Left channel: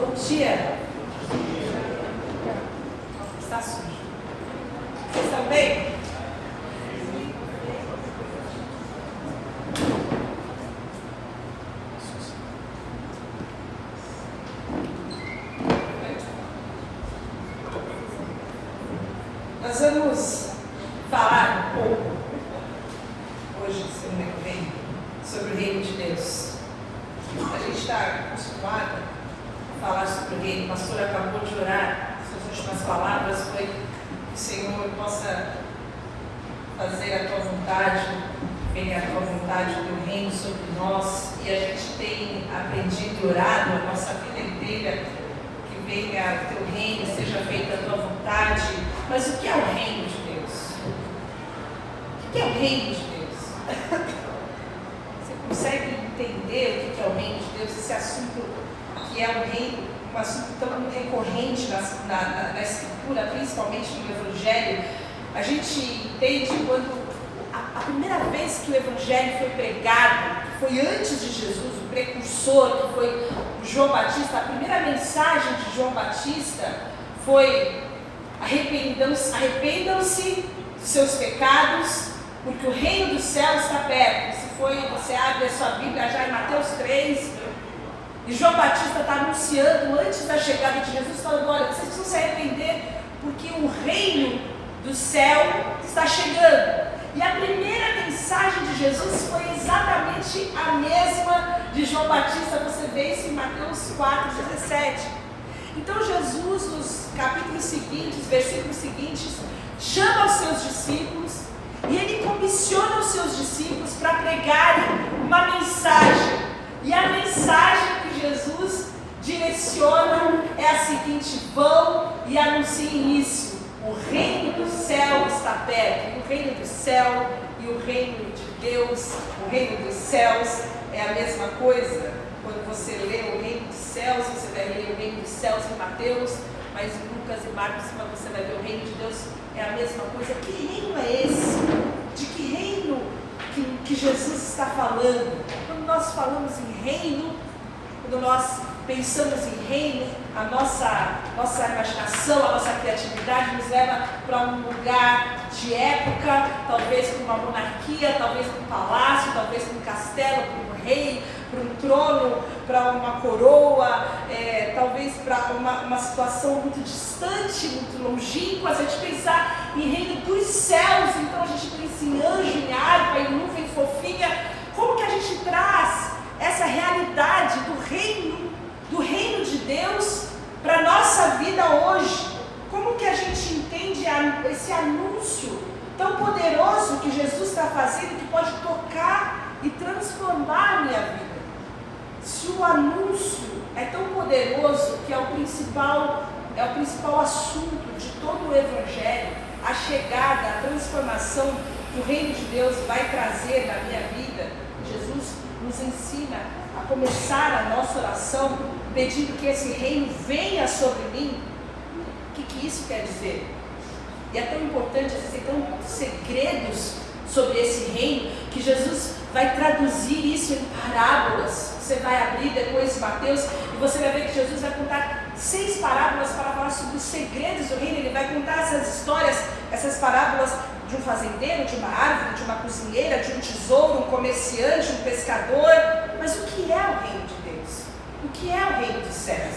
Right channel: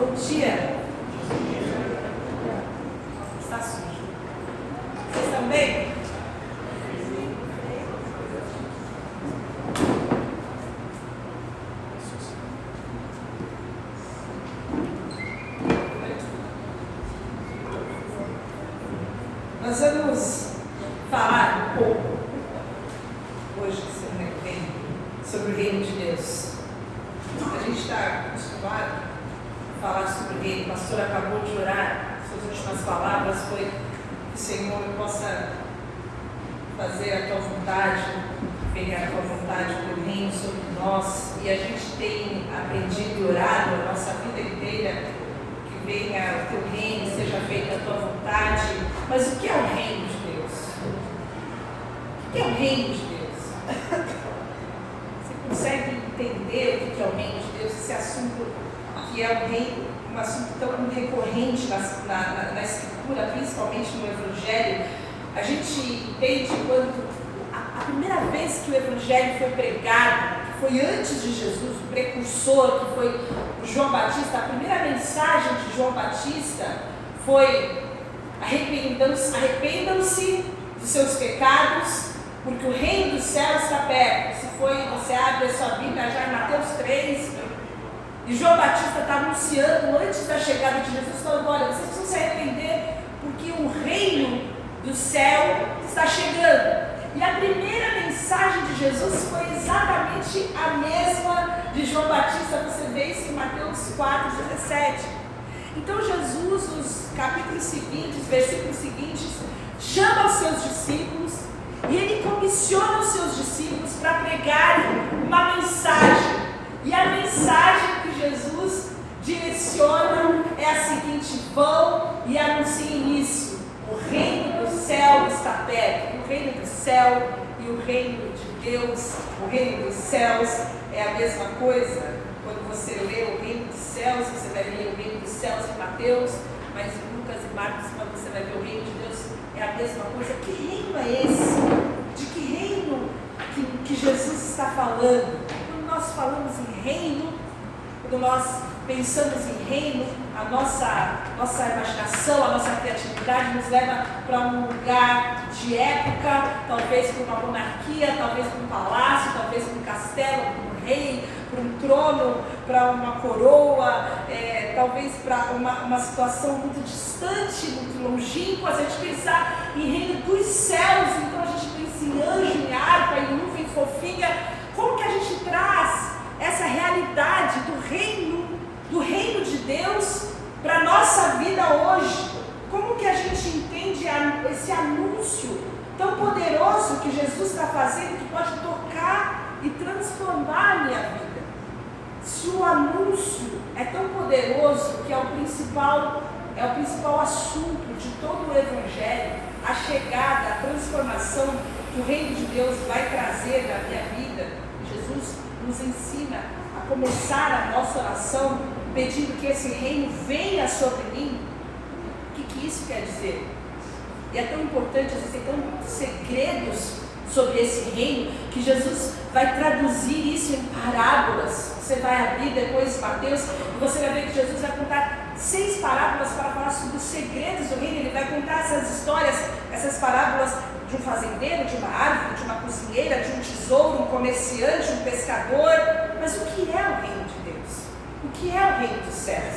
Bom dia. Está sujo. Vocês estão bem? Nós vamos falar um pouco hoje, semana que vem, sobre o reino de Deus. A gente está acostumado a falar sobre o reino. A pastora acabou de orar. Suas últimas palavras foi que o Senhor possa fazer a tua vontade, venha a tua vontade do reino sobre nós. E a gente tem aprendido e orado a nossa vida inteira que venha o teu reino, seja feita a tua vontade. Mas o que é o reino de Deus? O que é o reino de Deus? Você consegue entender o que é o reino de Deus? Esse assunto que é um assunto tão recorrente na Escritura, principalmente no Evangelho. A gente entende quando a primeira vez que o Evangelho foi pregado, foi antes de Jesus, o precursor, que foi João Batista. A primeira mensagem de João Batista foi: arrependam-se de seus pecados, porque o reino dos céus está perto. Você abre a sua Bíblia já em Mateus 3, e João Batista está anunciando antes da chegada de Jesus, falando: olha, vocês precisam se arrepender, porque o reino do céu está chegando. E a primeira mensagem de Jesus foi exatamente a mesma de João Batista. Você vê isso em Mateus 4:17. Então Jesus, nos capítulos seguintes, versículos seguintes, chama os seus discípulos e ele comissiona os seus discípulos para pregarem uma mensagem. E a mensagem que Jesus direciona é a seguinte: vão e anunciem isso. O reino do céu está perto. O reino do céu e o reino de Deus, o reino dos céus é a mesma coisa. Quando você lê o reino dos céus, você vai ler o reino dos céus em Mateus, mas em Lucas e Marcos você vai ver o reino de Deus, é a mesma coisa. Que reino é esse? De que reino que Jesus está falando? Quando nós falamos em reino, quando nós pensamos em reino, a nossa imaginação, a nossa criatividade nos leva para um lugar de época, talvez para uma monarquia, talvez para um palácio, talvez para um castelo, para um rei, para um trono, para uma coroa, talvez para uma situação muito distante, muito longínqua. Se a gente pensar em reino dos céus, então a gente pensa em anjo, em harpa, em nuvem fofinha. Como que a gente traz essa realidade do reino de Deus para a nossa vida hoje? Como que a gente entende esse anúncio tão poderoso que Jesus está fazendo, que pode tocar e transformar a minha vida? Se o anúncio é tão poderoso que é o principal assunto de todo o Evangelho, a chegada, a transformação que o reino de Deus vai trazer na minha vida, Jesus nos ensina a começar a nossa oração pedindo que esse reino venha sobre mim. O que isso quer dizer? E é tão importante, existem tantos segredos sobre esse reino, que Jesus vai traduzir isso em parábolas. Você vai abrir depois Mateus e você vai ver que Jesus vai contar 6 parábolas para falar sobre os segredos do reino. Ele vai contar essas histórias, essas parábolas de um fazendeiro, de uma árvore, de uma cozinheira, de um tesouro, um comerciante, um pescador. Mas o que é o reino de Deus? O que é o reino dos céus?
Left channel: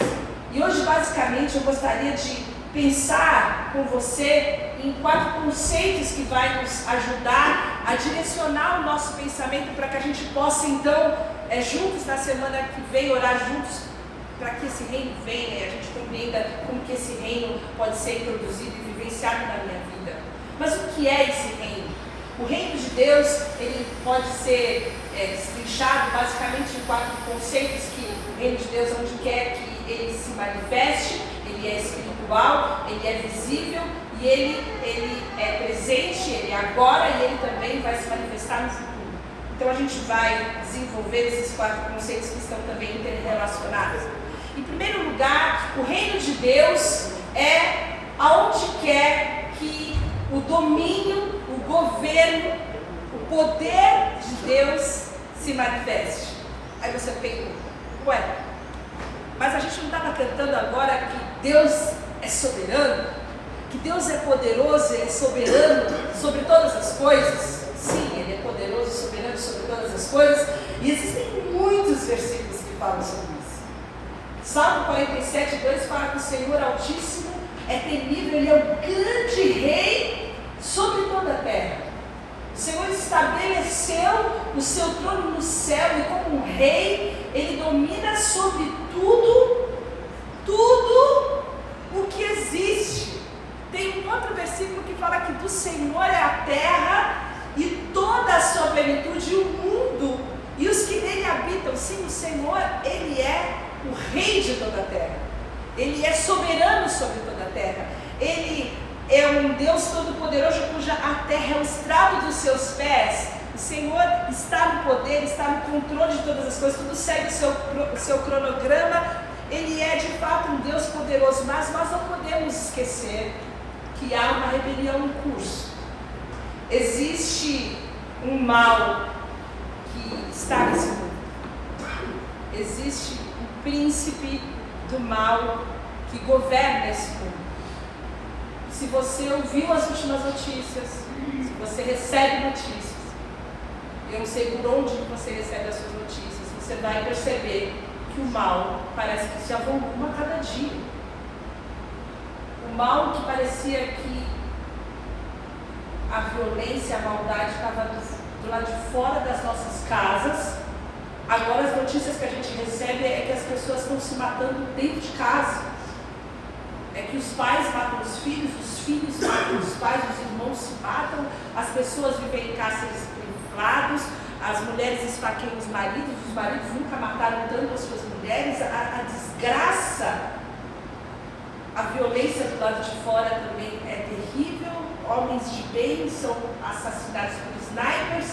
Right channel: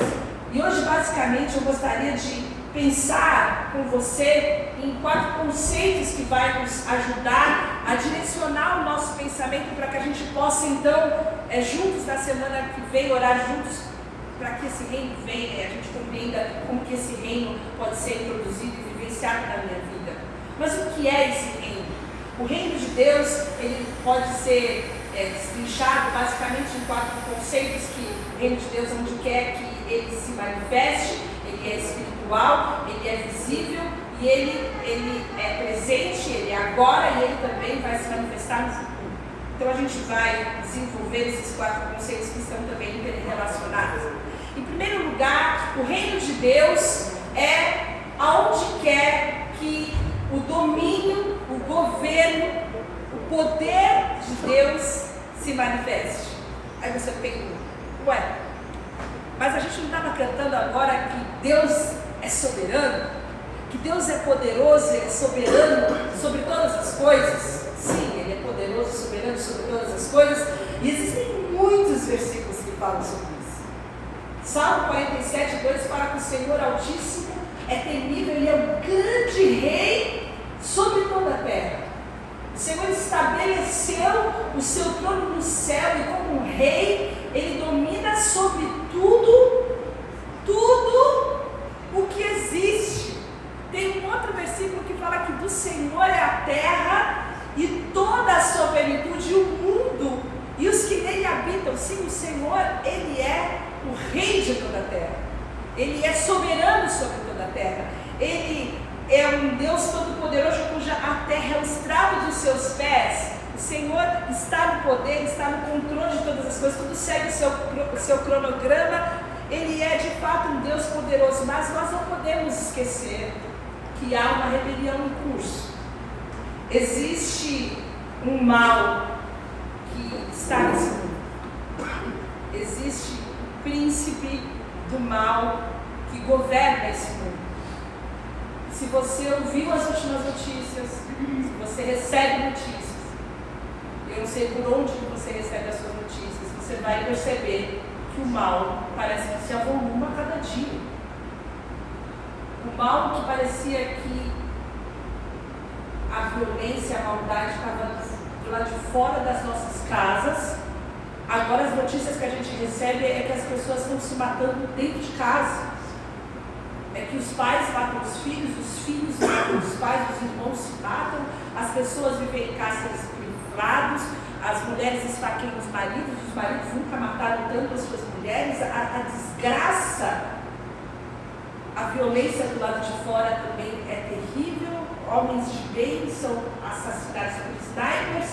E hoje, basicamente, eu gostaria de pensar com você em 4 conceitos que vai nos ajudar a direcionar o nosso pensamento para que a gente possa, então, juntos na semana que vem, orar juntos para que esse reino venha e a gente compreenda como que esse reino pode ser introduzido e vivenciado na minha vida. Mas o que é esse reino? O reino de Deus, ele pode ser destrinchado basicamente em 4 conceitos: que o reino de Deus, onde quer que ele se manifeste, ele é espiritual, ele é visível e ele é presente, ele é agora e ele também vai se manifestar no futuro. Então a gente vai desenvolver esses 4 conceitos que estão também interrelacionados. Em primeiro lugar, o reino de Deus é aonde quer que o domínio, o governo, o poder de Deus se manifeste. Aí você pergunta: ué, Mas a gente não estava cantando agora que Deus é soberano? Que Deus é poderoso, Ele é soberano sobre todas as coisas? Sim, Ele é poderoso e soberano sobre todas as coisas. E existem muitos versículos que falam sobre isso. Salmo 47, 2 fala que o Senhor Altíssimo é temível, Ele é o grande rei sobre toda a terra. O Senhor estabeleceu o seu trono no céu e como rei, Ele domina sobre tudo o que existe. Tem um outro versículo que fala que do Senhor é a terra e toda a sua plenitude, o mundo e os que nele habitam. Sim, o Senhor, Ele é o rei de toda a terra. Ele é soberano sobre toda a terra. Ele é um Deus todo-poderoso cuja a terra é o estrado dos seus pés. O Senhor está no poder, está no controle de todas as coisas, tudo segue o seu cronograma. Ele é de fato um Deus poderoso, mas nós não podemos esquecer que há uma rebelião em curso. Existe um mal que está nesse mundo. Existe o príncipe do mal que governa esse mundo. Se você ouviu as últimas notícias, se você recebe notícias, eu não sei por onde você recebe as suas notícias, você vai perceber que o mal parece que se avoluma a cada dia. O mal que parecia que a violência, a maldade estava do lado de fora das nossas casas, agora as notícias que a gente recebe é que as pessoas estão se matando dentro de casa. É que os pais matam os filhos matam os pais, os irmãos se matam, as pessoas vivem em cárceres privados, as mulheres esfaqueiam os maridos nunca mataram tanto as suas mulheres, a desgraça, a violência do lado de fora também é terrível, homens de bem são assassinados por snipers,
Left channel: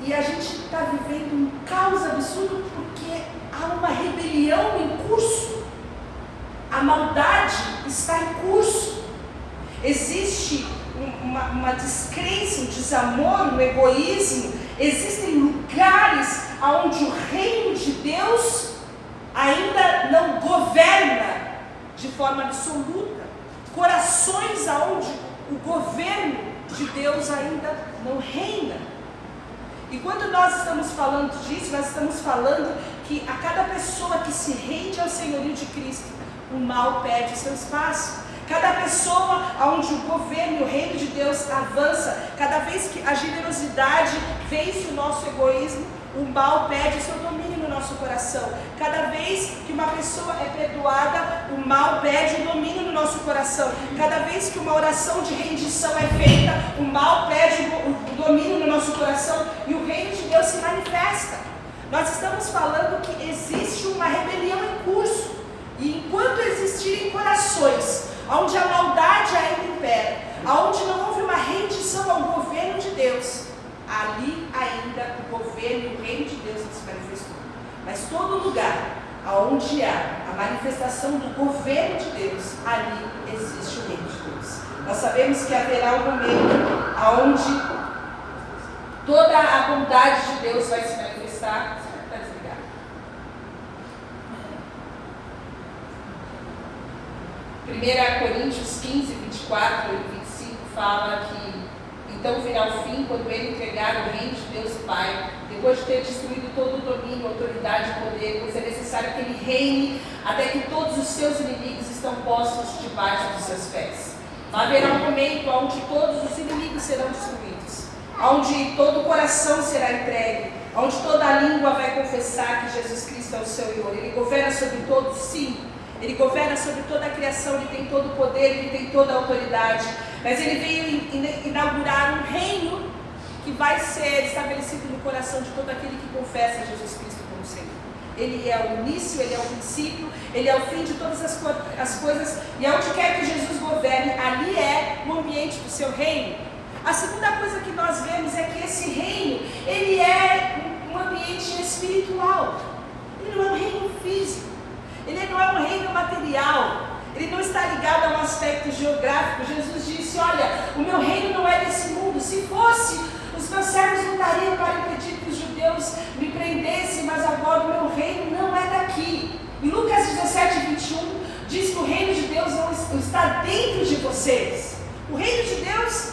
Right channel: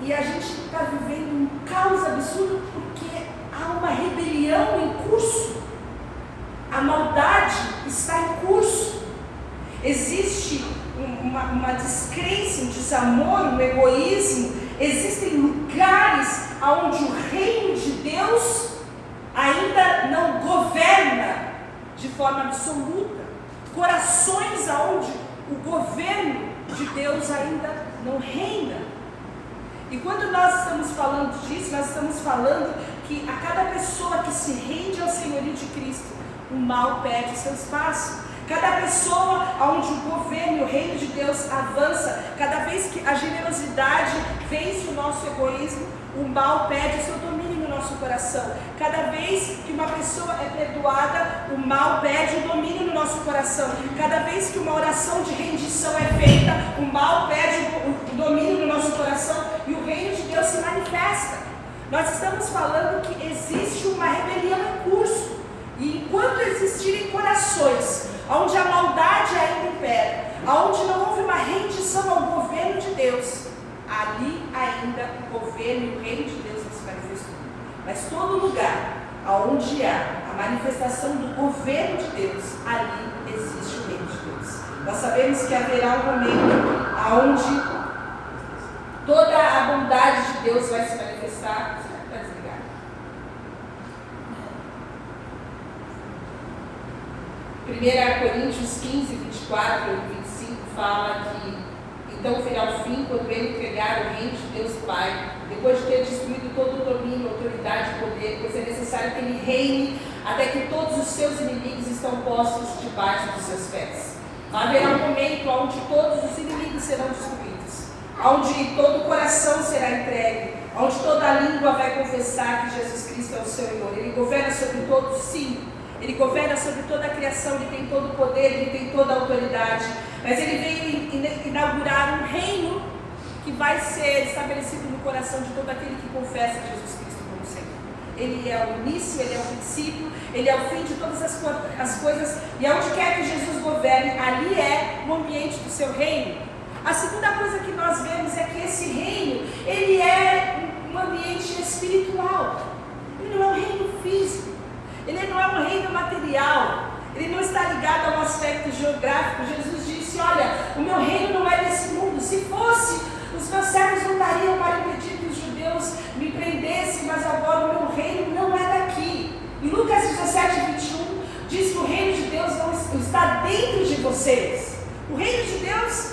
e a gente está vivendo um caos absurdo porque há uma rebelião em curso. A maldade está em curso. Existe uma descrença, um desamor, um egoísmo. Existem lugares onde o reino de Deus ainda não governa de forma absoluta. Corações onde o governo de Deus ainda não reina. E quando nós estamos falando disso, nós estamos falando que a cada pessoa que se rende ao senhorio de Cristo, o mal perde seu espaço. Cada pessoa onde o governo e o reino de Deus avança, cada vez que a generosidade vence o nosso egoísmo, o mal perde o seu domínio no nosso coração. Cada vez que uma pessoa é perdoada, o mal perde o domínio no nosso coração. Cada vez que uma oração de rendição é feita, o mal perde o domínio no nosso coração e o reino de Deus se manifesta. Nós estamos falando que existe uma rebelião em curso. E enquanto existirem corações onde a maldade ainda impera, onde não houve uma rendição ao governo de Deus, ali ainda o governo e o reino de Deus não se manifestou. Mas todo lugar onde há a manifestação do governo de Deus, ali existe o reino de Deus. Nós sabemos que haverá um momento onde toda a bondade de Deus vai se manifestar. 1 Coríntios 15, 24 e 25 fala que então virá o fim quando ele entregar o reino de Deus Pai, depois de ter destruído todo o domínio, autoridade e poder, pois é necessário que ele reine até que todos os seus inimigos estão postos debaixo dos seus pés. Haverá um momento onde todos os inimigos serão destruídos, onde todo o coração será entregue, onde toda a língua vai confessar que Jesus Cristo é o Senhor. Ele governa sobre todos, sim. Ele governa sobre toda a criação, Ele tem todo o poder, Ele tem toda a autoridade. Mas Ele veio inaugurar um reino que vai ser estabelecido no coração de todo aquele que confessa Jesus Cristo como Senhor. Ele é o início, Ele é o princípio, Ele é o fim de todas as coisas. E aonde quer que Jesus governe, ali é o ambiente do seu reino. A segunda coisa que nós vemos é que esse reino, ele é um ambiente espiritual. Ele não é um reino físico. Ele não é um reino material, ele não está ligado a um aspecto geográfico. Jesus disse, olha, o meu reino não é desse mundo. Se fosse, os meus servos lutariam para impedir que os judeus me prendessem, mas agora o meu reino não é daqui. Em Lucas diz que o reino de Deus não está dentro de vocês. O reino de Deus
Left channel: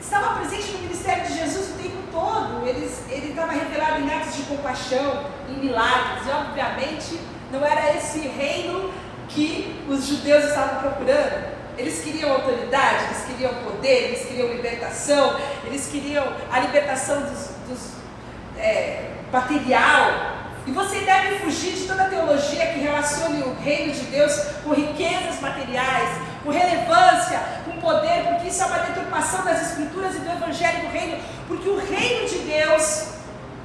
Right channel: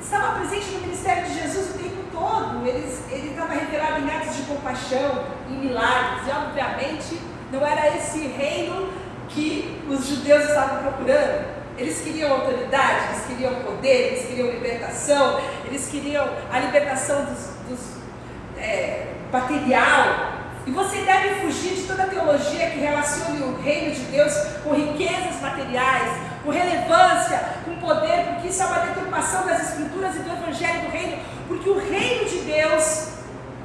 estava presente no ministério de Jesus o tempo todo. Ele estava revelado em atos de compaixão, em milagres, e obviamente não era esse reino que os judeus estavam procurando. Eles queriam autoridade, eles queriam poder, eles queriam libertação, eles queriam a libertação material. E você deve fugir de toda teologia que relacione o reino de Deus com riquezas materiais, com relevância, com poder, porque isso é uma deturpação das escrituras e do evangelho do reino, porque o reino de Deus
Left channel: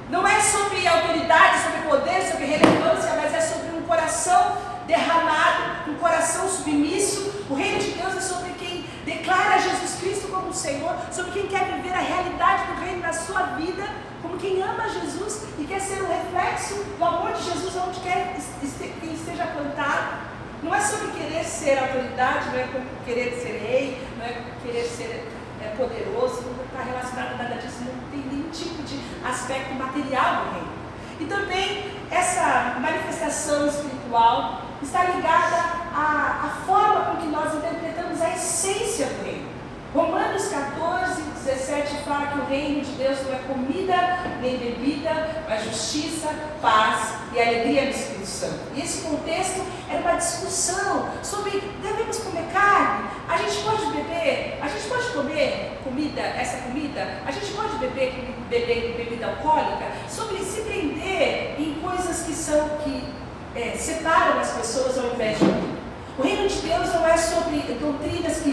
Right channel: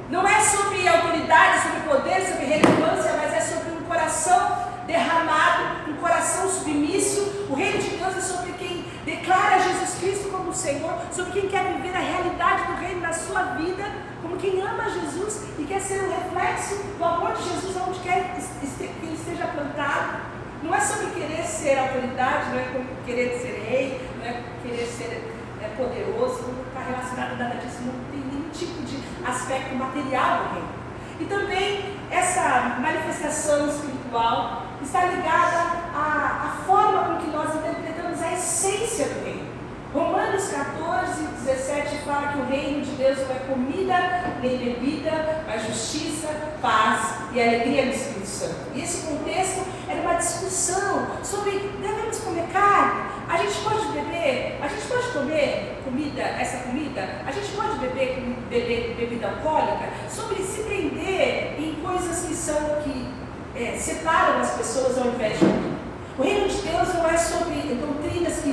não é sobre autoridade, sobre poder, sobre relevância, mas é sobre um coração derramado, um coração submisso. O reino de Deus é sobre quem declara Jesus Cristo como Senhor, sobre quem quer viver a realidade do reino na sua vida, como quem ama Jesus e quer ser um reflexo do amor de Jesus onde quer que esteja plantado. Não é sobre querer ser autoridade, não é querer ser rei, não é querer ser poderoso, não está relacionado a nada disso, não tem nenhum tipo de aspecto material do reino. E também essa manifestação espiritual está ligada à forma com que nós interpretamos a essência do reino. Romanos 14, 17 fala que o reino de Deus não é comida nem bebida, mas justiça, paz e alegria no Espírito Santo. E esse contexto era uma discussão sobre: devemos comer carne? A gente pode beber? A gente pode comer essa comida? A gente pode beber bebida alcoólica? Sobre se prender em coisas que separam as pessoas ao invés de unir. O reino de Deus não é sobre doutrinas que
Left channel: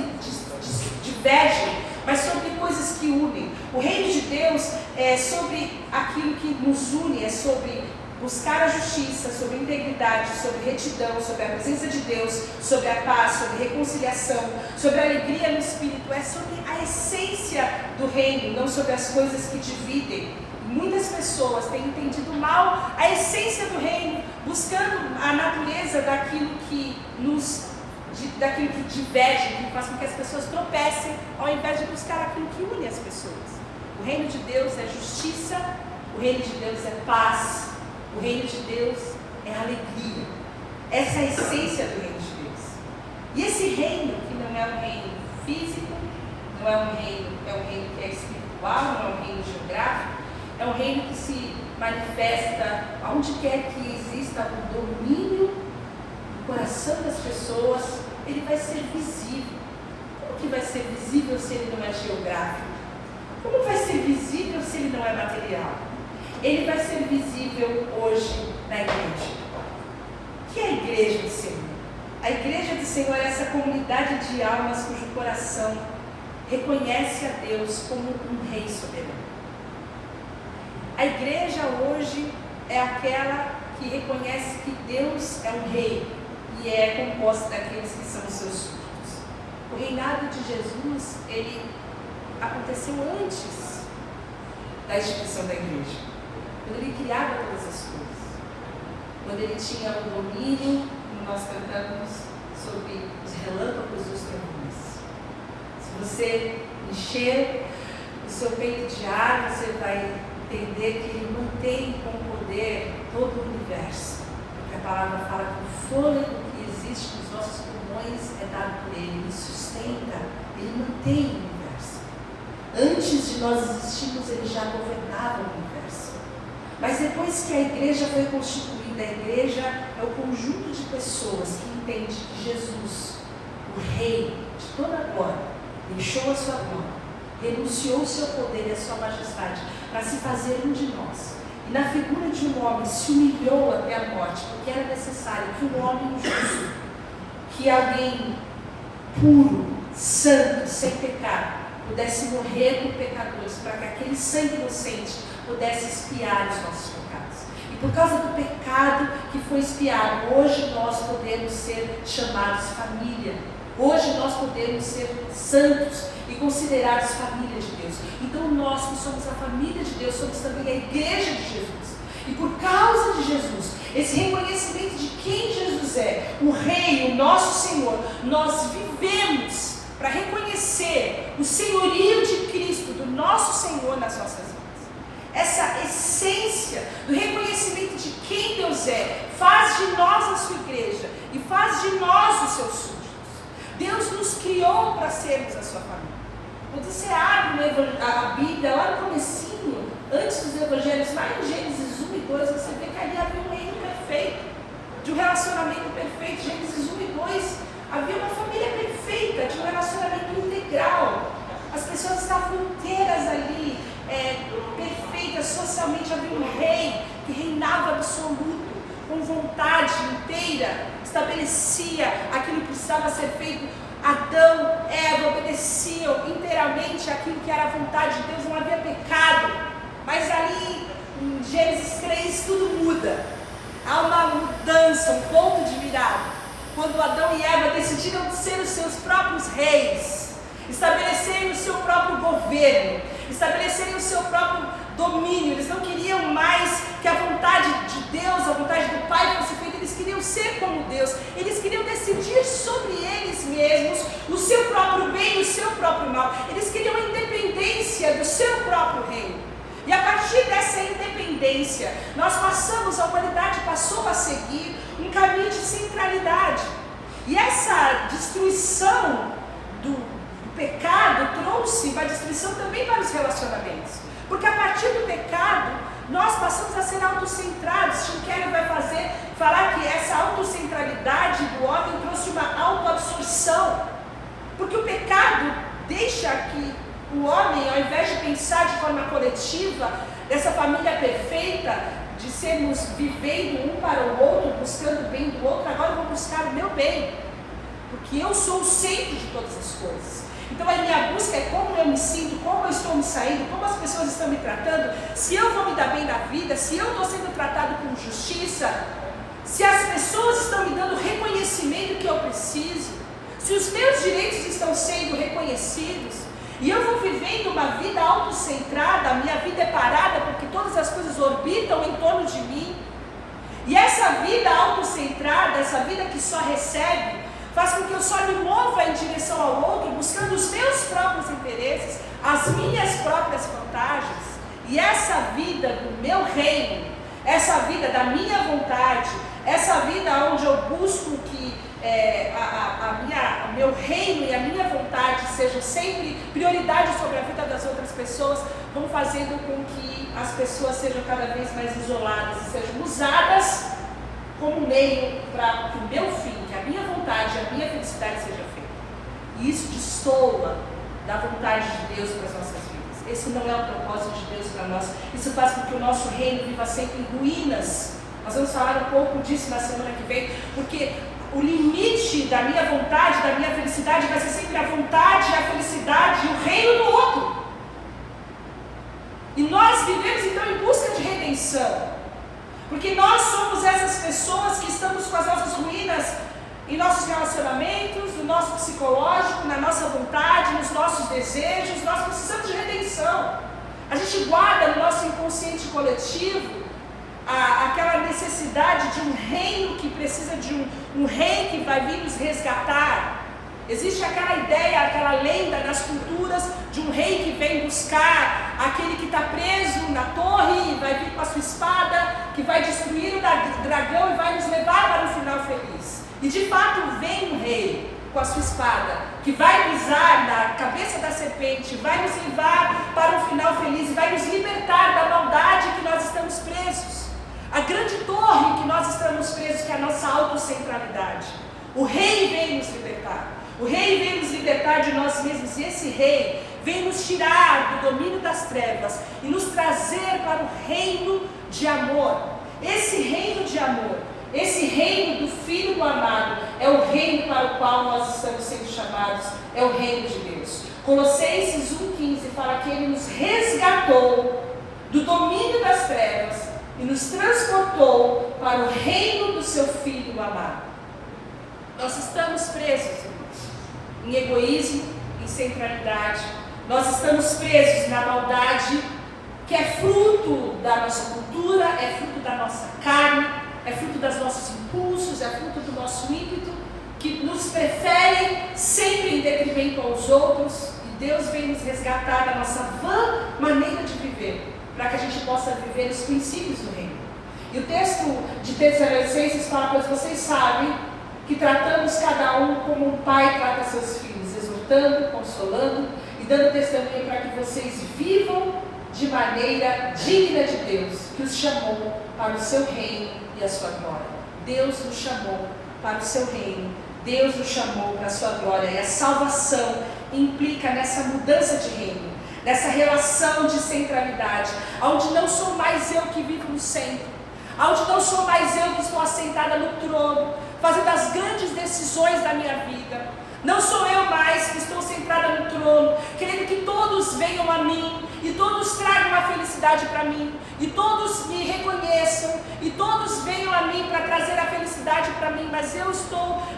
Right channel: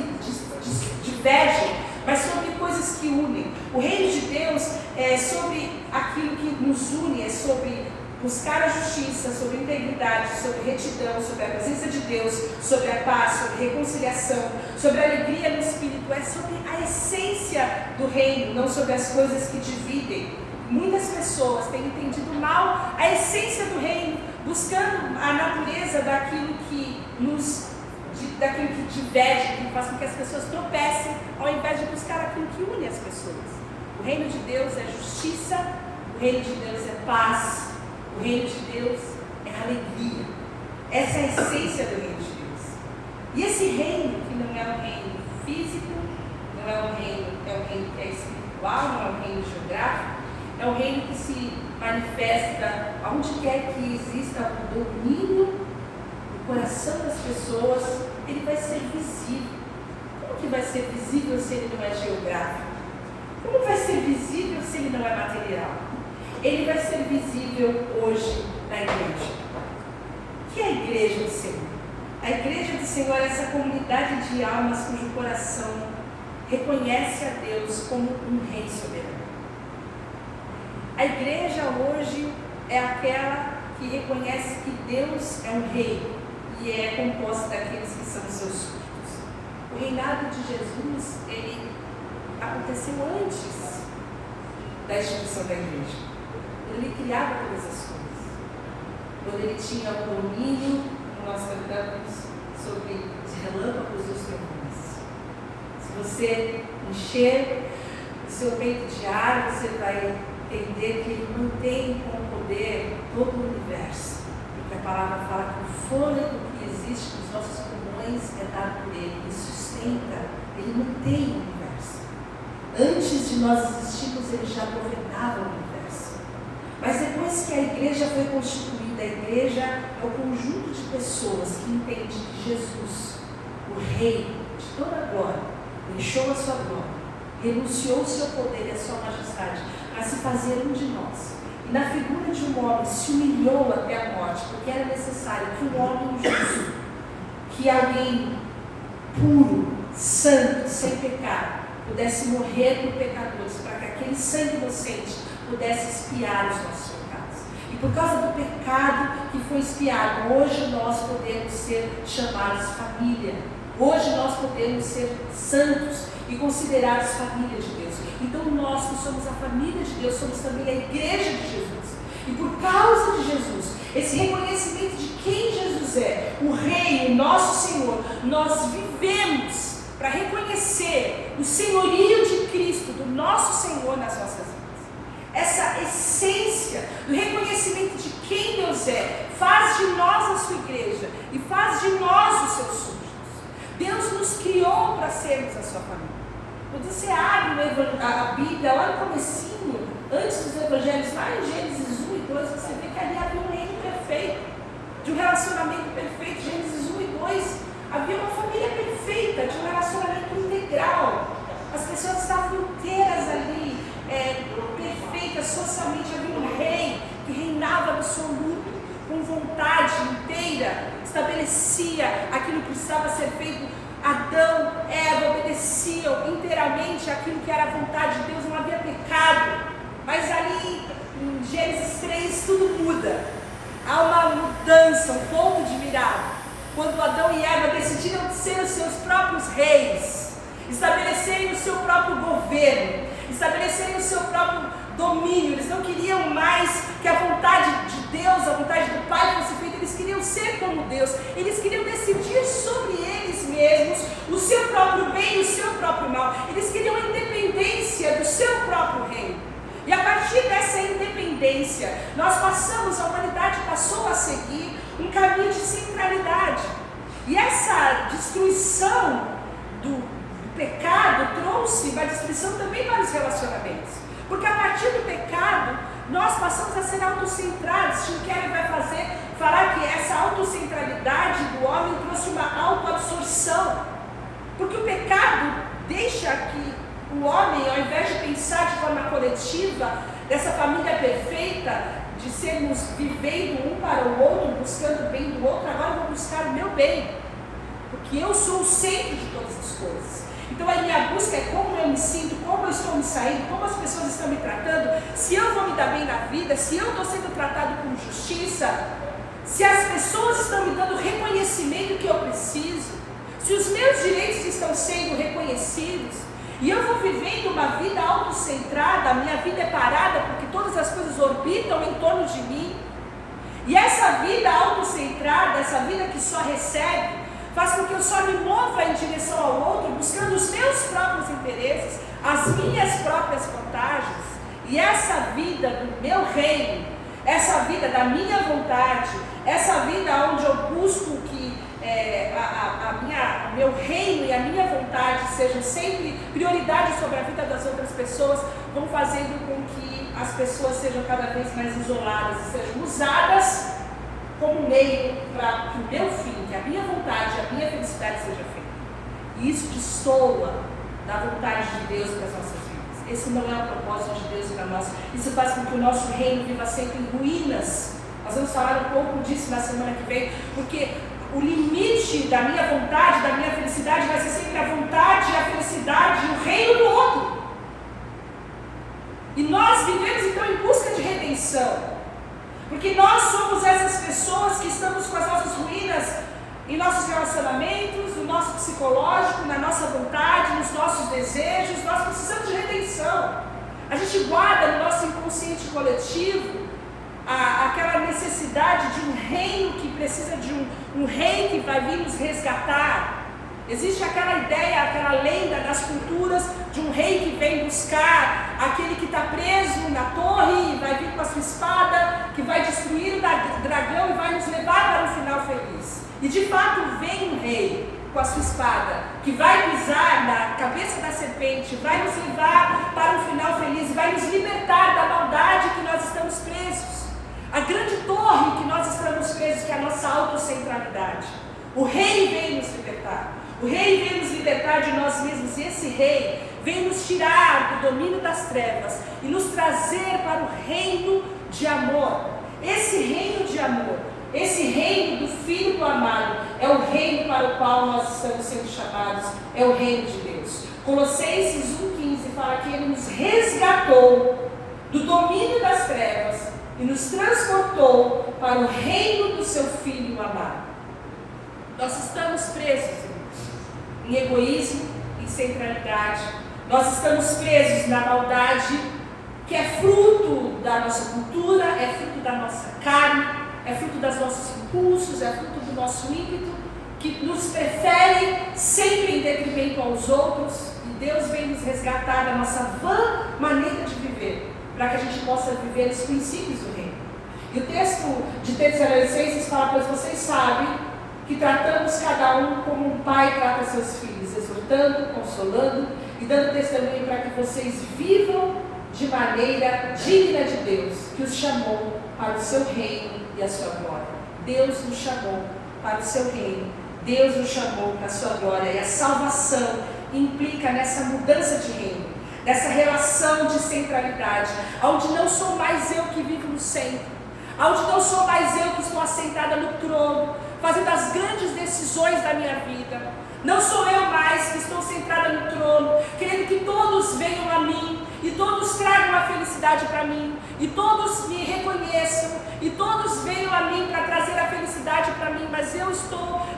divergem, mas sobre coisas que unem. O reino de Deus é sobre aquilo que nos une, é sobre buscar a justiça, sobre integridade, sobre retidão, sobre a presença de Deus, sobre a paz, sobre reconciliação, sobre a alegria no Espírito. É sobre a essência do reino, não sobre as coisas que dividem. Muitas pessoas têm entendido mal a essência do reino, buscando a natureza daquilo que diverge, que faz com que as pessoas tropecem, ao invés de buscar aquilo que une as pessoas. O reino de Deus é justiça, o reino de Deus é paz, o reino de Deus é alegria. Essa é a essência do reino de Deus. E esse reino, que não é um reino físico, não é um reino que é espiritual, não é um reino geográfico, é um reino que se manifesta onde quer que exista o domínio do coração das pessoas. Ele vai ser visível. Como que vai ser visível se ele não é geográfico? Como vai ser visível se ele não é material? Ele vai ser visível hoje na igreja. O que é a igreja do Senhor? A igreja do Senhor é essa comunidade de almas cujo coração reconhece a Deus como um rei soberano. A igreja hoje é aquela que reconhece que Deus é um rei e é composta daqueles que são os seus súditos. O reinado de Jesus, ele aconteceu antes da instituição da igreja, quando ele criava todas as coisas, quando ele tinha o domínio, como nós cantamos, sobre os relâmpagos dos trovões. Se você encher o seu peito de ar, você vai entender que ele mantém com poder todo o universo, porque a palavra fala que o fôlego que existe nos nossos pulmões é dado por ele, ele sustenta, ele mantém o universo. Antes de nós existirmos, ele já governava o universo. Mas depois que a igreja foi constituída, a igreja é o conjunto de pessoas que entende que Jesus, o Rei de toda a glória, deixou a sua glória, renunciou o seu poder e a sua majestade para se fazer um de nós. E na figura de um homem se humilhou até a morte, porque era necessário que um homem justo, que alguém puro, santo, sem pecado, pudesse morrer por pecadores, para que aquele sangue inocente pudesse expiar os nossos pecados. E por causa do pecado que foi expiado, hoje nós podemos ser chamados família. Hoje nós podemos ser santos e considerados família de Deus. Então nós que somos a família de Deus, somos também a igreja de Jesus. E por causa de Jesus, esse reconhecimento de quem Jesus é, o Rei, o nosso Senhor, nós vivemos para reconhecer o senhorio de Cristo, do nosso Senhor nas nossas vidas. Essa essência do reconhecimento de quem Deus é, faz de nós a sua igreja e faz de nós os seus súditos. Deus nos criou para sermos a sua família. Quando você abre a Bíblia, lá no comecinho, antes dos evangelhos, lá em Gênesis 1 e 2, você vê que ali havia um reino perfeito, de um relacionamento perfeito. Gênesis 1 e 2, havia uma família perfeita, de um relacionamento integral. As pessoas estavam inteiras ali, perfeitas socialmente. Havia um rei que reinava absoluto, com vontade inteira, estabelecia aquilo que precisava ser feito. Adão, Eva obedeciam inteiramente aquilo que era a vontade de Deus, não havia pecado. Mas ali em Gênesis 3 tudo muda. Há uma mudança, um ponto de virada, quando Adão e Eva decidiram ser os seus próprios reis, estabelecerem o seu próprio governo, estabelecerem o seu próprio domínio. Eles não queriam mais que a vontade de Deus, a vontade do Pai fosse feita. Eles queriam ser como Deus. Eles queriam decidir sobre eles mesmos o seu próprio bem e o seu próprio mal. Eles queriam a independência do seu próprio reino. E a partir dessa independência, a humanidade passou a seguir um caminho de centralidade. E essa destruição do pecado trouxe uma destruição também para os relacionamentos. Porque a partir do pecado, nós passamos a ser autocentrados. Tim Keller vai falar que essa autocentralidade do homem trouxe uma autoabsorção. Porque o pecado deixa que o homem, ao invés de pensar de forma coletiva, dessa família perfeita, de sermos vivendo um para o outro, buscando o bem do outro, agora eu vou buscar o meu bem. Porque eu sou o centro de todas as coisas. Então a minha busca é como eu me sinto, como eu estou me saindo, como as pessoas estão me tratando, se eu vou me dar bem na vida, se eu estou sendo tratado com justiça, se as pessoas estão me dando o reconhecimento que eu preciso, se os meus direitos estão sendo reconhecidos, e eu vou vivendo uma vida autocentrada, a minha vida é parada porque todas as coisas orbitam em torno de mim, e essa vida autocentrada, essa vida que só recebe, faz com que eu só me mova em direção ao outro, buscando os meus próprios interesses, as minhas próprias vantagens. E essa vida do meu reino, essa vida da minha vontade, essa vida onde eu busco que o meu reino e a minha vontade sejam sempre prioridade sobre a vida das outras pessoas, vão fazendo com que as pessoas sejam cada vez mais isoladas e sejam usadas como meio para que o meu fim, que a minha vontade, a minha felicidade seja feita. E isso destoa da vontade de Deus para as nossas vidas. Esse não é o propósito de Deus para nós. Isso faz com que o nosso reino viva sempre em ruínas. Nós vamos falar um pouco disso na semana que vem, porque o limite da minha vontade, da minha felicidade, vai ser sempre a vontade, a felicidade e o reino do outro. E nós vivemos então em busca de redenção. Porque nós somos essas pessoas que estamos com as nossas ruínas em nossos relacionamentos, no nosso psicológico, na nossa vontade, nos nossos desejos. Nós precisamos de redenção. A gente guarda no nosso inconsciente coletivo aquela necessidade de um reino que precisa de um rei que vai vir nos resgatar. Existe aquela ideia, aquela lenda das culturas de um rei que vem buscar aquele que está preso na torre e vai vir com a sua espada, que vai destruir o dragão e vai nos levar para um final feliz. E de fato vem um rei com a sua espada, que vai pisar na cabeça da serpente, vai nos levar para um final feliz e vai nos libertar da maldade que nós estamos presos. A grande torre que nós estamos presos, que é a nossa autocentralidade. O rei vem nos libertar. O rei vem nos libertar de nós mesmos, e esse rei vem nos tirar do domínio das trevas e nos trazer para o reino de amor. Esse reino de amor, esse reino do Filho do amado, é o reino para o qual nós estamos sendo chamados, é o reino de Deus. Colossenses 1,15 fala que Ele nos resgatou do domínio das trevas e nos transportou para o reino do seu Filho amado. Nós estamos presos, em egoísmo, em centralidade. Nós estamos presos na maldade, que é fruto da nossa cultura, é fruto da nossa carne, é fruto dos nossos impulsos, é fruto do nosso ímpeto, que nos prefere sempre em detrimento aos outros. E Deus vem nos resgatar da nossa vã maneira de viver, para que a gente possa viver os princípios do reino. E o texto de Tessalonicenses fala: pois vocês sabem que tratamos cada um como um pai trata seus filhos, exortando, consolando e dando testemunho para que vocês vivam de maneira digna de Deus, que os chamou para o seu reino e a sua glória. Deus nos chamou para o seu reino, Deus nos chamou para a sua glória, e a salvação implica nessa mudança de reino, nessa relação de centralidade, onde não sou mais eu que vivo no centro, onde não sou mais eu que estou assentada no trono, fazendo as grandes decisões da minha vida. Não sou eu mais que estou sentada no trono, querendo que todos venham a mim, e todos tragam a felicidade para mim, e todos me reconheçam, e todos venham a mim para trazer a felicidade para mim, mas eu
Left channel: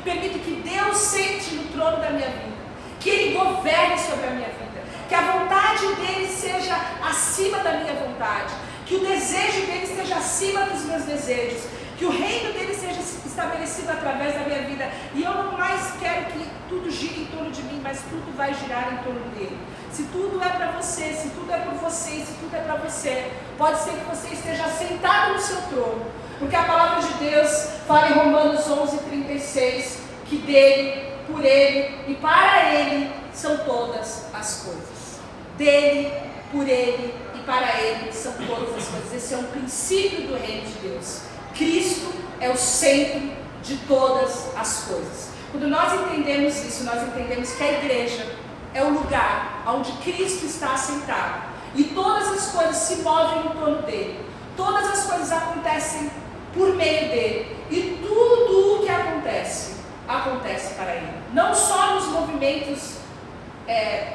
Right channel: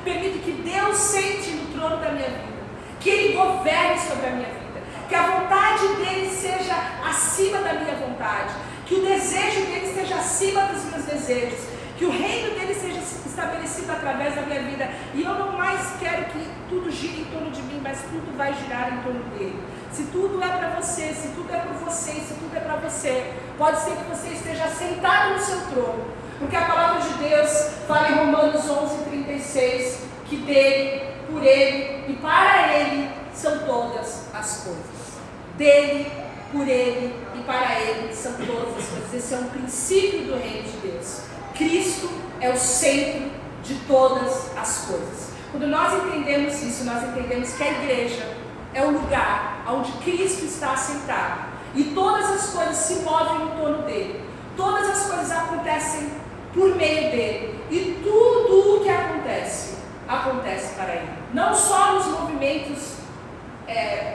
permito que Deus sente no trono da minha vida, que Ele governe sobre a minha vida, que a vontade dEle seja acima da minha vontade, que o desejo dEle esteja acima dos meus desejos, que o reino dEle seja estabelecido através da minha vida, e eu não mais quero que tudo gire em torno de mim, mas tudo vai girar em torno dEle. Se tudo é para você, se tudo é por você, se tudo é para você, pode ser que você esteja sentado no seu trono, porque a palavra de Deus fala em Romanos 11:36, que dele, por ele e para ele são todas as coisas. Dele, por ele e para ele são todas as coisas. Esse é um princípio do reino de Deus. Cristo é o centro de todas as coisas. Quando nós entendemos isso, nós entendemos que a igreja é o lugar onde Cristo está assentado, e todas as coisas se movem em torno dele, todas as coisas acontecem por meio dele, e tudo o que acontece para ele, não só nos movimentos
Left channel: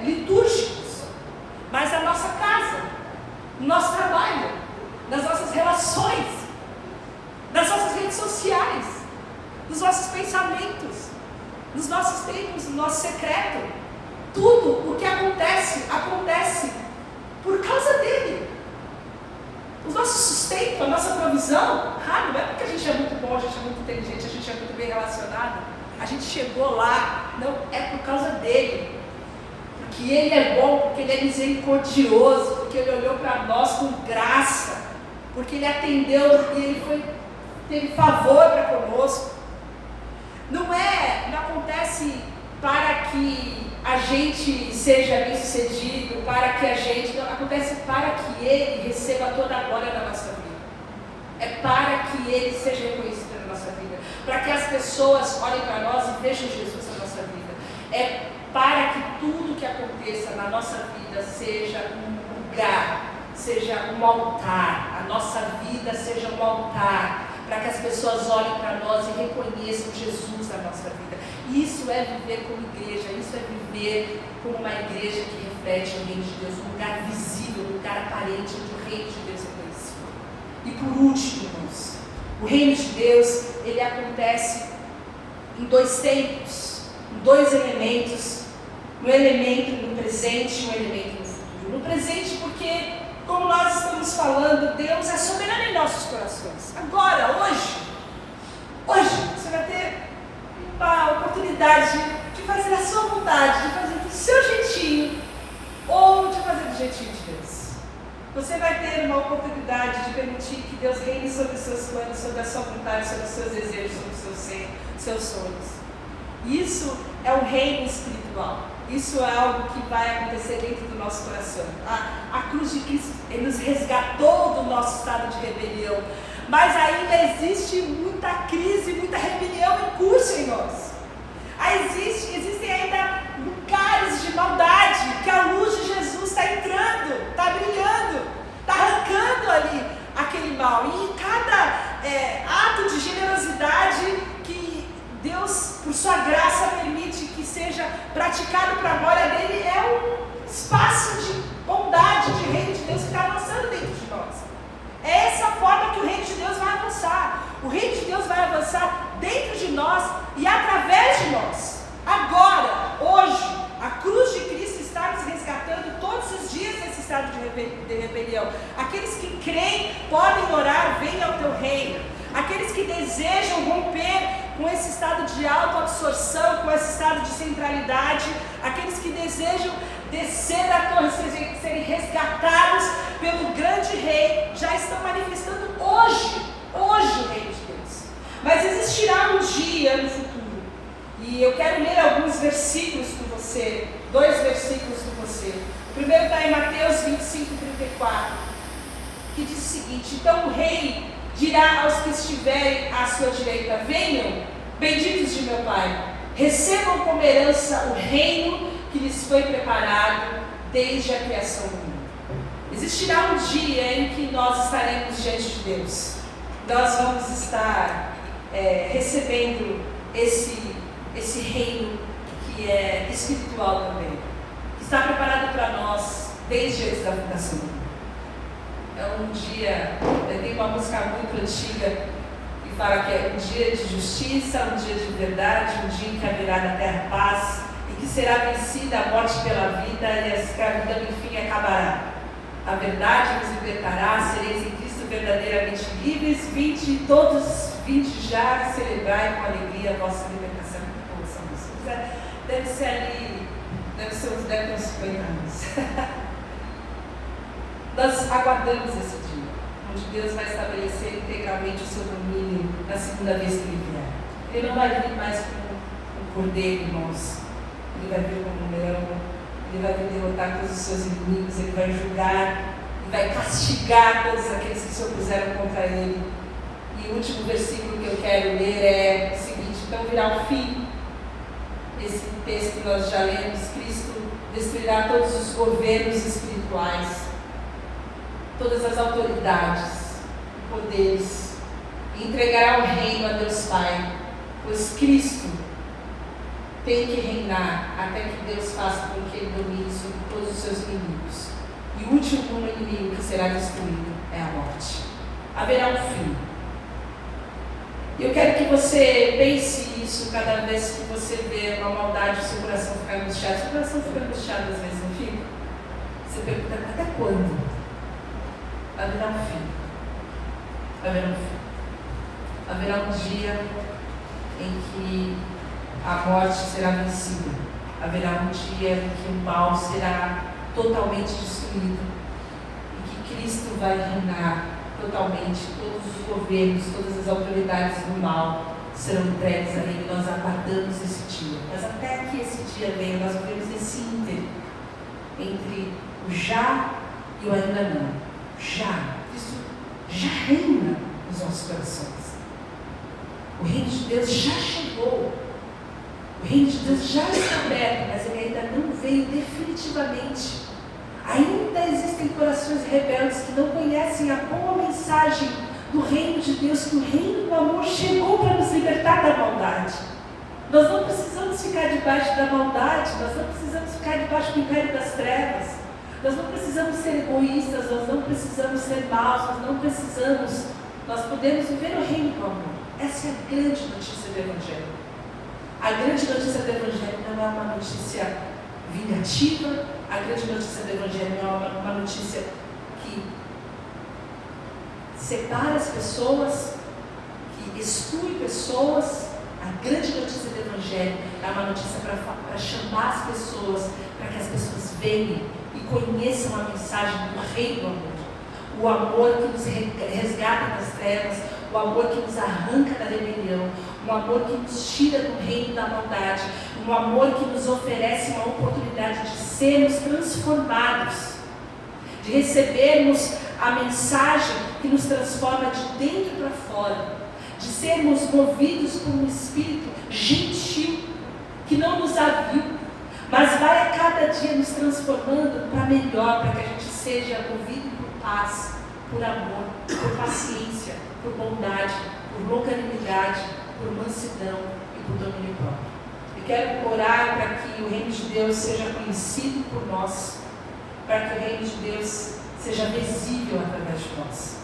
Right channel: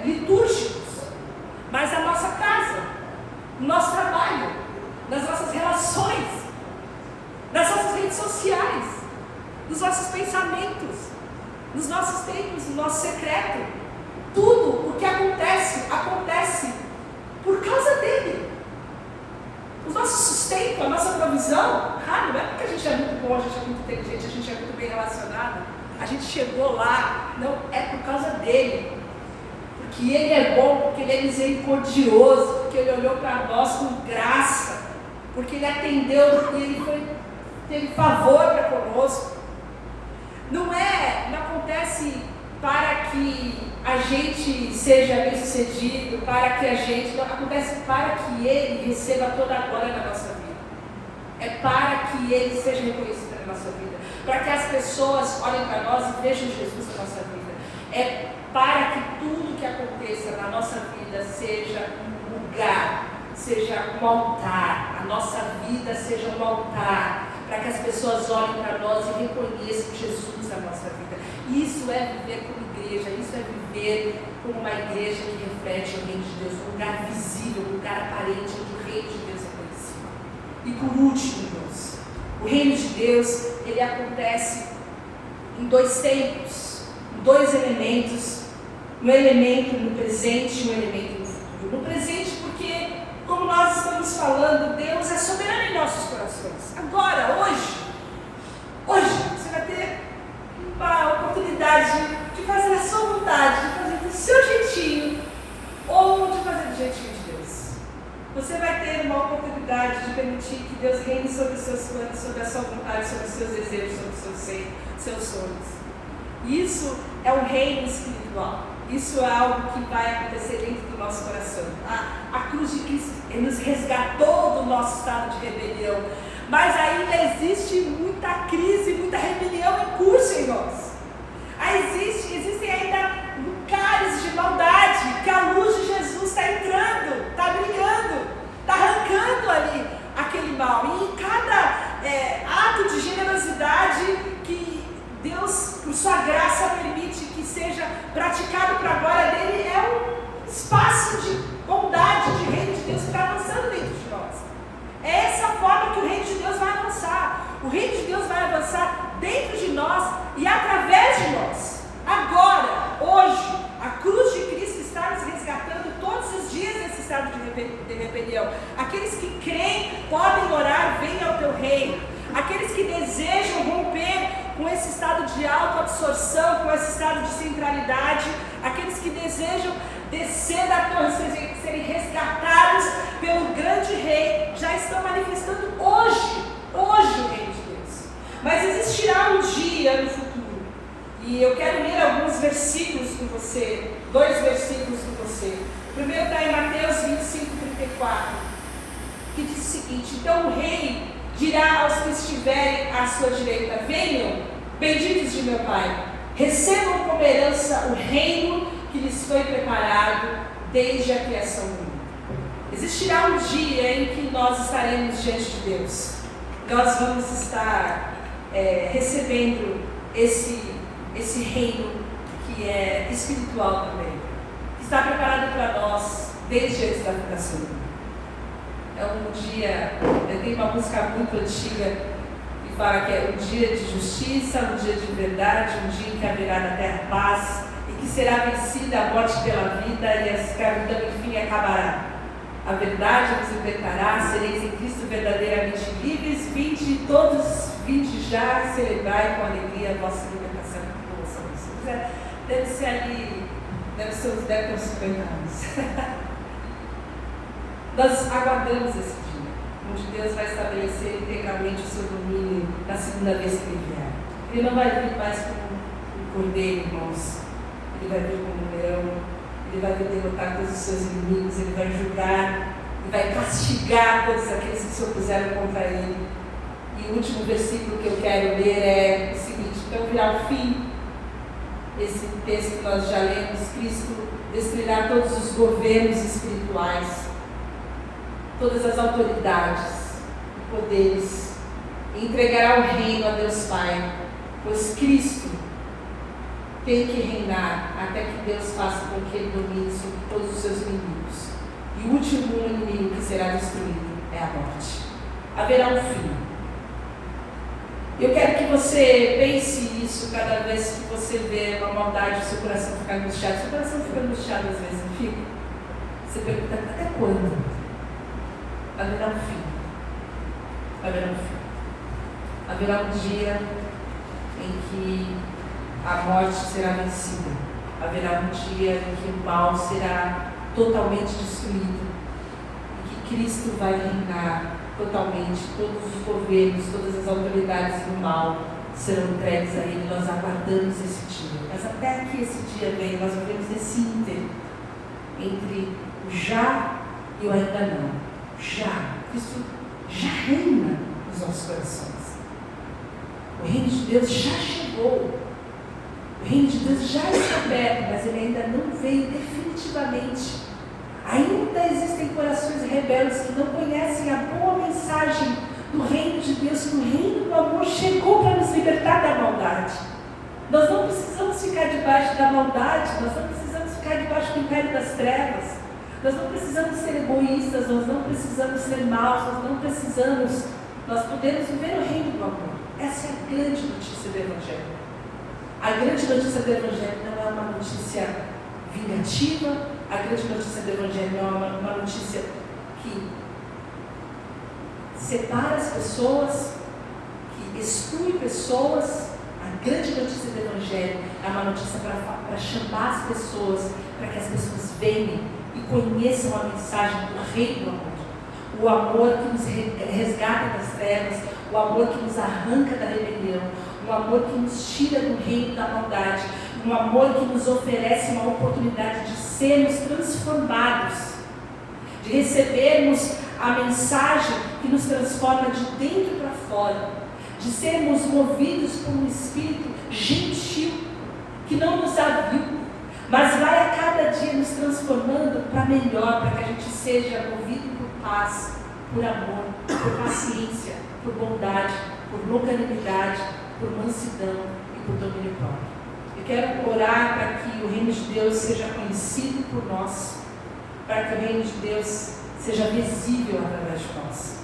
litúrgicos, mas a nossa casa, no nosso trabalho, nas nossas relações, nas nossas redes sociais, nos nossos pensamentos, nos nossos tempos, no nosso secreto. Tudo o que acontece por causa dele. O nosso sustento, a nossa provisão, não é porque a gente é muito bom, a gente é muito inteligente, a gente é muito bem relacionado, a gente chegou lá. Não, é por causa dele. Porque ele é bom, porque ele é misericordioso, porque ele olhou para nós com graça, porque ele atendeu, porque ele teve favor para conosco. Não acontece para que a gente seja bem sucedido, acontece para que Ele receba toda a glória na nossa vida. É para que Ele seja reconhecido na nossa vida, para que as pessoas olhem para nós e vejam Jesus na nossa vida. É para que tudo que aconteça na nossa vida seja um lugar, seja um altar, a nossa vida seja um altar, para que as pessoas olhem para nós e reconheçam Jesus na nossa vida. Isso é viver como igreja, isso é viver como uma igreja que reflete o reino de Deus, um lugar visível, um lugar aparente, onde o reino de Deus é conhecido. E por último, irmãos, o reino de Deus, ele acontece em dois tempos, em dois elementos, um elemento no presente e um elemento no futuro. No presente, porque, como nós estamos falando, Deus é soberano em nossos corações. Agora, hoje, você vai ter uma oportunidade de fazer a sua vontade, de fazer do seu jeitinho, ou de fazer do jeitinho de Deus. Você vai ter uma oportunidade de permitir que Deus reine sobre os seus planos, sobre a sua vontade, sobre os seus desejos, sobre os seus sonhos. Isso é um reino espiritual. Isso é algo que vai acontecer dentro do nosso coração. A cruz de Cristo nos resgatou do nosso estado de rebelião, mas ainda existe muita crise, muita rebelião em curso em nós. Existem ainda lugares de maldade que a luz de Jesus está entrando, está brilhando, está arrancando ali aquele mal. E cada ato de generosidade que Deus, por sua graça, permite que seja praticado para a glória dele, é um espaço de bondade, de reino de Deus que está avançando dentro de nós. É essa forma que o reino de Deus vai avançar. O reino de Deus vai avançar dentro de nós e através de nós. Agora, hoje, a cruz de Cristo está nos resgatando todos os dias desse estado de rebelião. Aqueles que creem podem orar, venha ao teu reino. Aqueles que desejam romper com esse estado de autoabsorção, com esse estado de centralidade, aqueles que desejam descer da torre, serem resgatados pelo grande rei, já estão manifestando hoje hoje o reino de Deus. Mas existirá um dia no futuro. E eu quero ler alguns versículos com você, 2 versículos com você. O primeiro está em Mateus 25:34, que diz o seguinte: então o rei dirá aos que estiverem à sua direita: venham, benditos de meu Pai, recebam como herança o reino que lhes foi preparado desde a criação do mundo. Existirá um dia em que nós estaremos diante de Deus. Nós vamos estar recebendo esse reino que é espiritual também, que está preparado para nós desde antes da fundação do mundo. É um dia, tem uma música muito antiga que fala que é um dia de justiça, um dia de verdade, um dia em que haverá na terra paz, e que será vencida a morte pela vida e a escravidão enfim acabará. A verdade vos libertará, sereis em Cristo verdadeiramente livres, vinde já celebrai com alegria a vossa libertação e conversão de Jesus. Deve ser ali, deve ter uns 50 anos. Nós aguardamos esse dia, onde Deus vai estabelecer integralmente o seu domínio na segunda vez que Ele vier. Ele não vai vir mais como um cordeiro, irmãos. Ele vai vir como um leão. Ele vai vir derrotar todos os seus inimigos. Ele vai julgar e vai castigar todos aqueles que se opuseram contra Ele. E o último versículo que eu quero ler é o seguinte: então virá o fim. Esse texto que nós já lemos: Cristo destruirá todos os governos espirituais, todas as autoridades, poderes, e entregará o reino a Deus Pai, pois Cristo tem que reinar até que Deus faça com que Ele domine sobre todos os seus inimigos. E o último inimigo que será destruído é a morte. Haverá um fim. Eu quero que você pense isso cada vez que você vê uma maldade, seu coração ficar angustiado. Seu coração fica angustiado às vezes, não fica? Você pergunta: até quando? Haverá um fim. Haverá um fim. Haverá um dia em que a morte será vencida. Haverá um dia em que o mal será totalmente destruído. E que Cristo vai reinar totalmente. Todos os governos, todas as autoridades do mal serão entregues a Ele. Nós aguardamos esse dia. Mas até que esse dia venha, nós vivemos nesse ínterim entre o já e o ainda não. Já. Cristo já reina nos nossos corações. O reino de Deus já chegou. O reino de Deus já está perto, mas ele ainda não veio definitivamente. Ainda existem corações rebeldes que não conhecem a boa mensagem do reino de Deus, que o reino do amor chegou para nos libertar da maldade. Nós não precisamos ficar debaixo da maldade, nós não precisamos ficar debaixo do império das trevas. Nós não precisamos ser egoístas, nós não precisamos ser maus, nós podemos viver o reino do amor. Essa é a grande notícia do Evangelho. A grande notícia do Evangelho não é uma notícia vingativa, a grande notícia do Evangelho não é uma notícia que separa as pessoas, que exclui pessoas. A grande notícia do Evangelho é uma notícia para chamar as pessoas, para que as pessoas venham e conheçam a mensagem do reino do amor. O amor que nos resgata das trevas, o amor que nos arranca da rebelião, o amor que nos tira do reino da maldade, um amor que nos oferece uma oportunidade de sermos transformados, de recebermos a mensagem que nos transforma de dentro para fora, de sermos movidos por um espírito gentil, que não nos aviu, mas vai a cada dia nos transformando para melhor, para que a gente seja movido por paz, por amor, por paciência, por bondade, por longanimidade, por mansidão e por domínio próprio. Eu quero orar para que o reino de Deus seja conhecido por nós, para que o reino de Deus seja visível através de nós.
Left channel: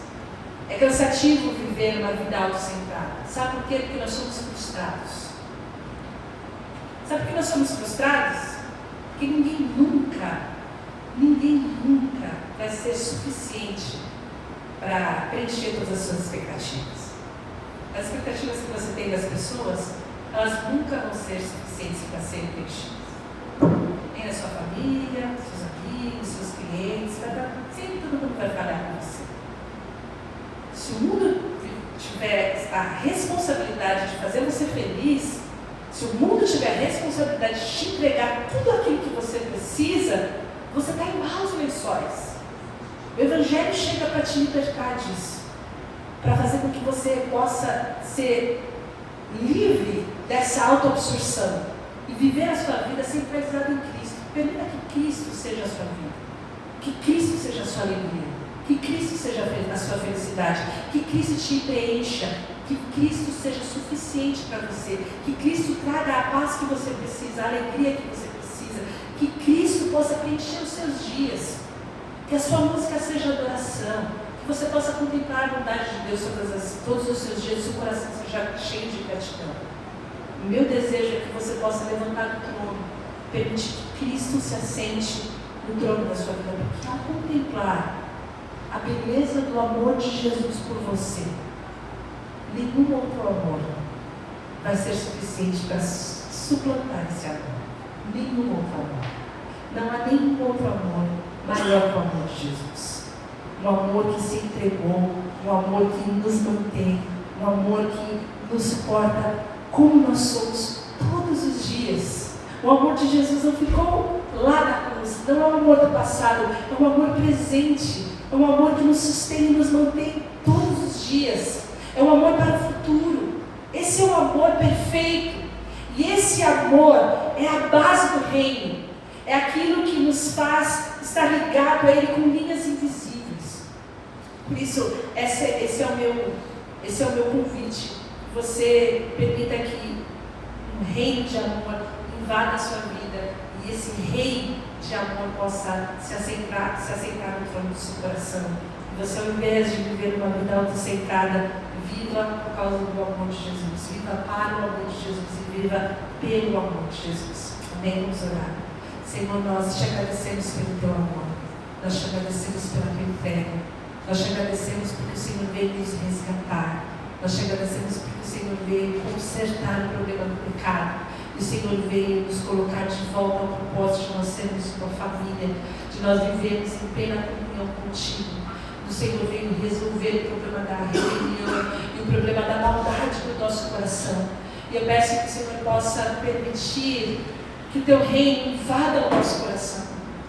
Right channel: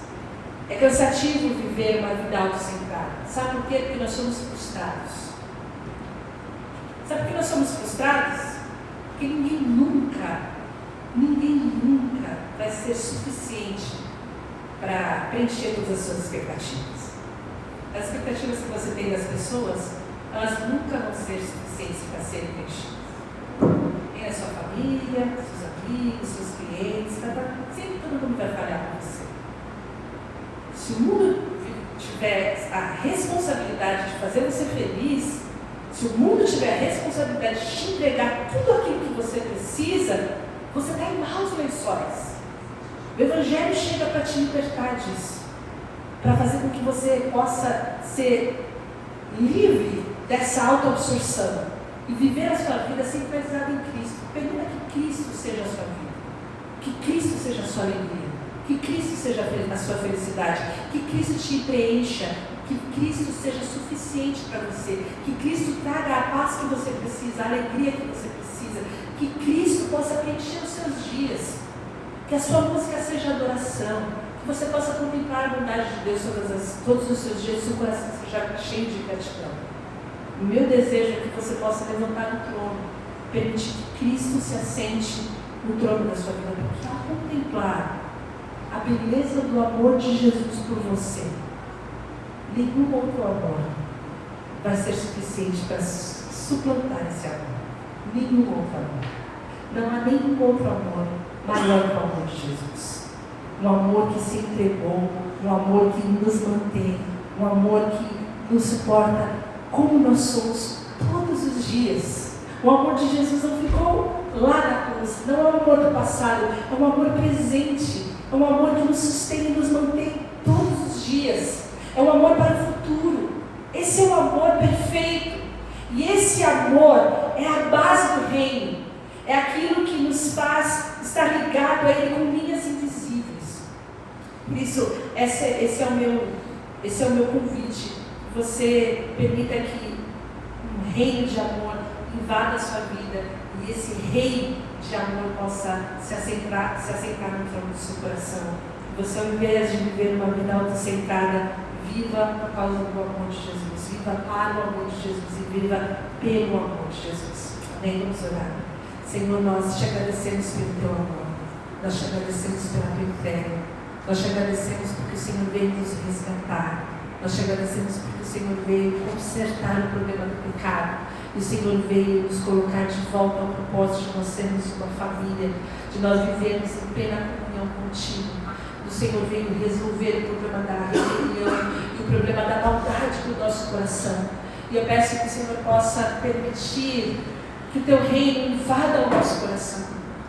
É cansativo viver uma vida autocentrada. Sabe por quê? Porque nós somos frustrados. Sabe por que nós somos frustrados? Porque ninguém nunca vai ser suficiente para preencher todas as suas expectativas. As expectativas que você tem das pessoas, elas nunca vão ser suficientes para serem preenchidas. Nem na sua família, seus amigos, seus clientes, sempre todo mundo vai falhar com você. Se o mundo te tiver a responsabilidade de fazer você feliz, se o mundo tiver a responsabilidade de te entregar tudo aquilo que você precisa, você está em maus lençóis. O Evangelho chega para te libertar disso, para fazer com que você possa ser livre dessa autoabsorção e viver a sua vida centralizada em Cristo. Permita que Cristo seja a sua vida, que Cristo seja a sua alegria, que Cristo seja a sua felicidade, que Cristo te preencha, que Cristo seja suficiente para você, que Cristo traga a paz que você precisa, a alegria que você precisa, que Cristo possa preencher os seus dias, que a sua música seja adoração, que você possa contemplar a bondade de Deus todos os seus dias, seu coração seja cheio de gratidão. O meu desejo é que você possa levantar do trono, permitir que Cristo se assente no trono da sua vida, porque ao contemplar a beleza do amor de Jesus por você, nenhum outro amor vai ser suficiente para suplantar esse amor. Nenhum outro amor. Não há nenhum outro amor maior que o amor de Jesus. Um amor que se entregou, um amor que nos mantém, um amor que nos suporta como nós somos todos os dias. O amor de Jesus não ficou lá na cruz, não é um amor do passado, é um amor presente, é um amor que nos sustém e nos mantém todos os dias. É um amor para o futuro. Esse é o amor perfeito. E esse amor é a base do reino. É aquilo que nos faz estar ligado a Ele com linhas invisíveis. Por isso, esse é o meu convite. Você permita que um reino de amor invada a sua vida. E esse reino de amor possa se assentar no trono do seu coração. E você, ao invés de viver uma vida autocentrada, viva por causa do amor de Jesus, viva para o amor de Jesus e viva pelo amor de Jesus. Amém? Vamos orar. Senhor, nós te agradecemos pelo teu amor, nós te agradecemos pela tua entrega, nós te agradecemos porque o Senhor veio nos resgatar, nós te agradecemos porque o Senhor veio consertar o problema do pecado, e o Senhor veio nos colocar de volta ao propósito de nós sermos uma família, de nós vivermos em plena comunhão contigo. O Senhor veio resolver o problema da rebelião e o problema da maldade do nosso coração. E eu peço que o Senhor possa permitir que o teu reino invada o nosso coração.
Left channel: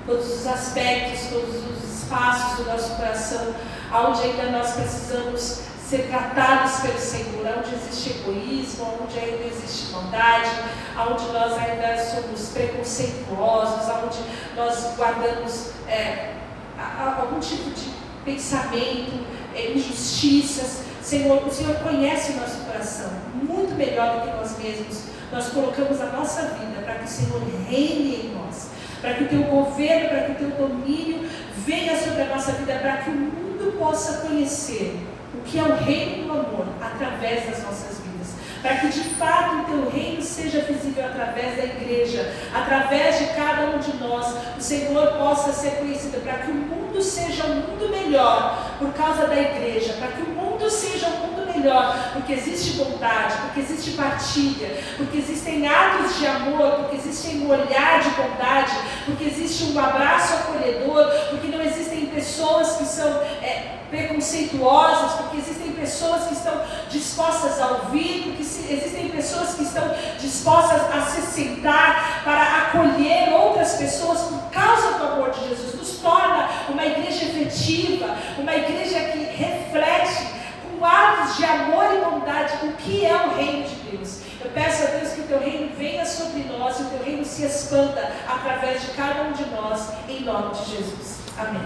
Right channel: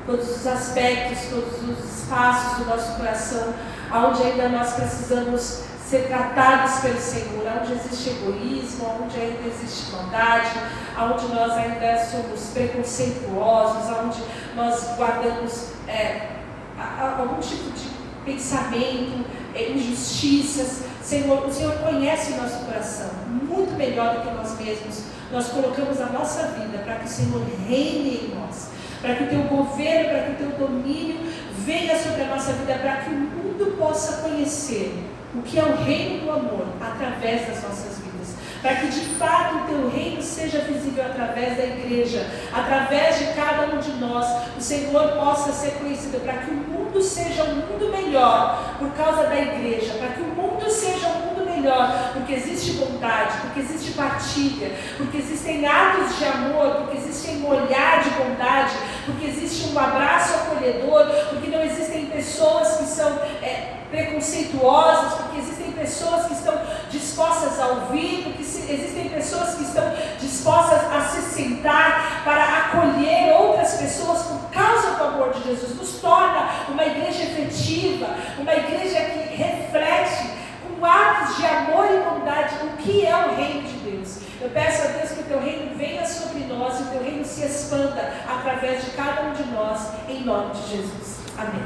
Todos os aspectos, todos os espaços do nosso coração, onde ainda nós precisamos ser tratados pelo Senhor, onde existe egoísmo, onde ainda existe maldade, onde nós ainda somos preconceituosos, onde nós guardamos algum tipo de pensamento, injustiças. Senhor, o Senhor conhece o nosso coração muito melhor do que nós mesmos. Nós colocamos a nossa vida para que o Senhor reine em nós, para que o teu governo, para que o teu domínio venha sobre a nossa vida, para que o mundo possa conhecer o que é o reino do amor através das nossas vidas, para que de fato o teu reino seja visível através da igreja, através de cada um de nós, o Senhor possa ser conhecido, para que o mundo seja um mundo melhor por causa da igreja, para que o mundo seja um mundo melhor, porque existe bondade, porque existe partilha, porque existem atos de amor, porque existe um olhar de bondade, porque existe um abraço acolhedor, porque não existem pessoas que são preconceituosas, porque existem pessoas que estão dispostas a ouvir, porque existem pessoas que estão dispostas a se sentar para acolher outras pessoas por causa do amor de Jesus. Nos torna uma igreja efetiva, uma igreja que reflete com atos de amor e bondade o que é o reino de Deus. Eu peço a Deus que o teu reino venha sobre nós e o teu reino se expanda através de cada um de nós, em nome de Jesus. Amém.